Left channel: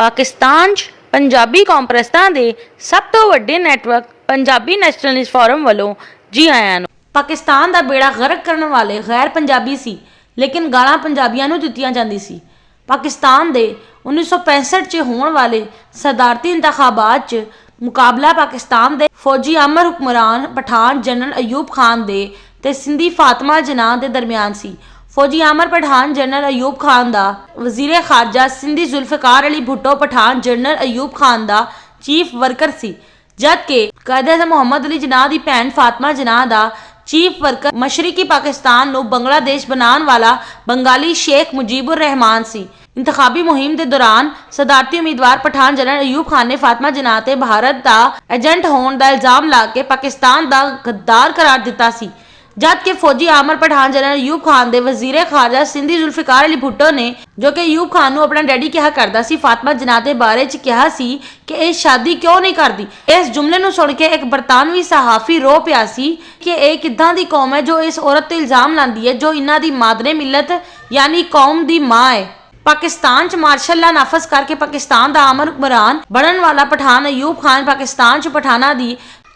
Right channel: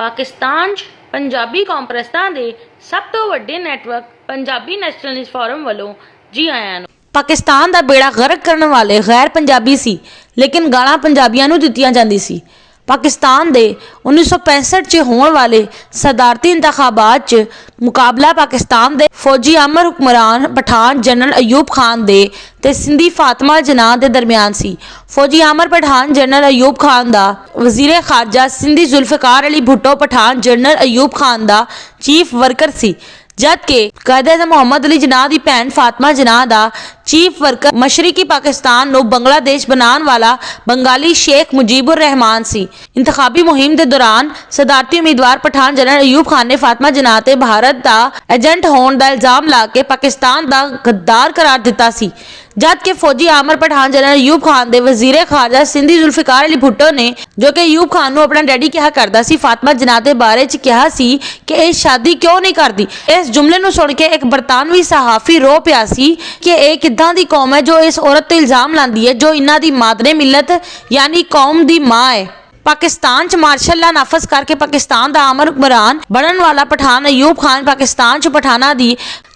पाकिस्तान 'ਚ पंजाबी कॉन्फ्रेंसां दे सब तो वड्डे नैटवर्क पंजाबी नैशनलिस्ट फोरम वालों जी आयां नूं। पाकिस्तान दा बेड़ा गर्क करने वाले गैर पंजाबी सी, लेकिन गालां पंजाबियां नूं दित्तियां जांदी सी। पाकिस्तान दे 1965 च होने वाले सदारती इंतखाबात च मुकाबला पाकिस्तान दे फौजी अमर हुक्मरान पठान जनरल अयूब खान दे ते सिंधी फातिमा जनाह दे दरमियान सी। फौजी अमर पठान जनरल अयूब खान दा वजीर खारजा सिंधी जुल्फिकार अली भुट्टो पठान जनरल अयूब खान दा चीफ वर्कर सी, जबकि कायद-ए-आज़म मोहम्मद अली जिन्ना दी भैन फातिमा जिन्ना दा चीफ वर्कर मशरकी पाकिस्तान नूं बांग्लादेश बनाने वाला बंगाली शेख मुजीबुर रहमान सी। इंतखाबी मुहिम के दौरान सदारती उम्मीदवार पठान जनरल अयूब खान ने फातिमा जिन्ना ते भारत का एजेंट होने का इल्जाम ला के पाकिस्तान का गद्दार करार दिता सी, जबकि फौजी आमर पठान जनरल अयूब खान दे वजीर खारजा सिंधी जुल्फिकार अली भुट्टो ने, जो कि अयूब खान नूं अपना डैडी कहा करदा सी, फातिमा जिन्ना दे बारे च कहा सी कि ये शादी क्यों नहीं करती। इस जुमले नूं सुन के एक बरतानवी सहाफी रो पिया सी कि यह किदां दी कौम है जो इस औरत ते इल्जाम लांदी है जो इन्हां दी मादरे मिलत यानी कौम दी मां है। पाकिस्तान च मार्शल ला नाफज करके पाकिस्तान का अमर हुक्मरान बनने वाला पठान अयूब खान पाकिस्तान च पठाना दी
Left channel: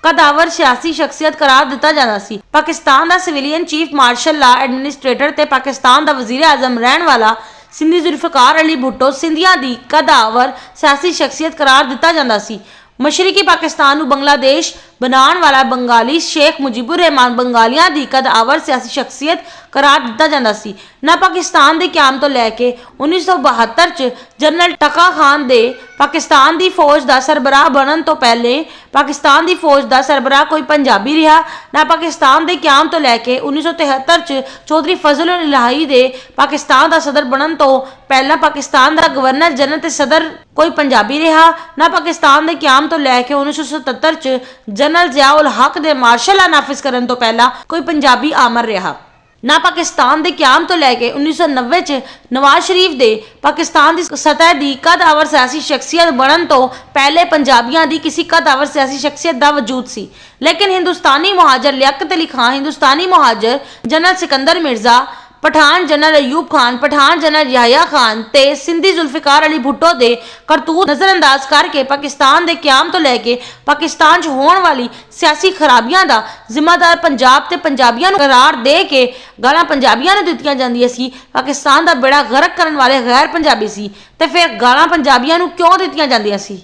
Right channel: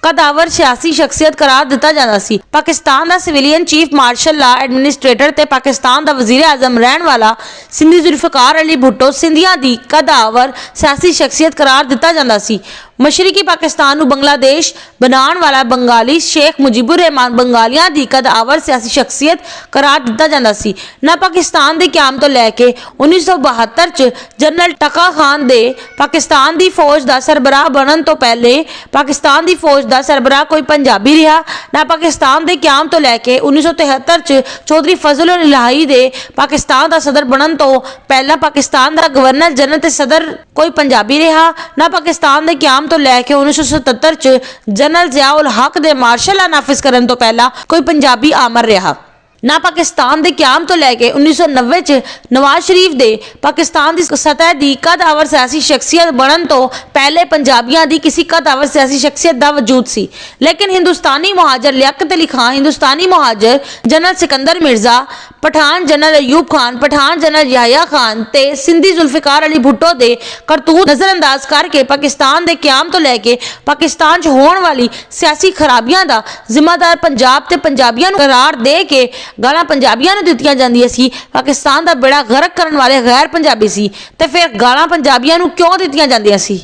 कदावर सियासी शख्सियत करार दिता जाता सी। पाकिस्तान का civilian chief martial law administrator ते पाकिस्तान का वजीर आजम रहने वाला सिंधी जुल्फिकार अली भुट्टो सिंधिया दी कदावर सियासी शख्सियत करार दिता जाता सी। मशरकी पाकिस्तान नूं बांग्लादेश बनाने वाला बंगाली शेख मुजीबुर रहमान बंगालियां दी कदावर सियासी शख्सियत करार दिता जाता सी। ना पाकिस्तान के क्याम तो लैके 1972 च जनरल टका खान दे पाकिस्तान की फौज का सरबराह बनने तो पहले पाकिस्तान की फौज का सरबराह कोई पंजाबी रहा, ना पाकिस्तान के क्याम तो लैके 1973 च चौधरी फजल उल इलाही दे पाकिस्तान का सदर बनने तो पहला पाकिस्तान का गवर्नर जनरल ते सदर कोई पंजाबी रहा, ना पाकिस्तान के क्याम तो लैके 1977 च जनरल जिया उल हक दे मार्शल ला नाफिज करने तो पहला कोई पंजाबी आमर रहा, ना पाकिस्तान के क्याम तो लैके 1990 च नवाज शरीफ दे पाकिस्तान की सतह की कदावर सियासी शख्सियत बनने तो पहले पंजाबियों की किसी कदावर सियासी शख्सियत का वजूद सी। लेकिन Hindustani Muhajir Liaquat Ali Khan, Hindustani Muhajir general Sikandar Mirza, Pathan general Ayub Khan, Pathan general Yahya Khan ते सिंधी जुल्फिकार अली भुट्टो दे करतूत नजरअंदाज करके पाकिस्तान के क्याम तो लैके पाकिस्तान च होने वाली सियासी खराबियां का जिम्मेदार पंजाब ते पंजाबियों नूं करार दे के गालां पंजाबियों नूं दित्तियां जांदियां सी। पाकिस्तान का बेड़ा गर्क करने वाले गैर पंजाबी सी ते फिर गालां पंजाबियों नूं क्यों दित्तियां जांदियां सी।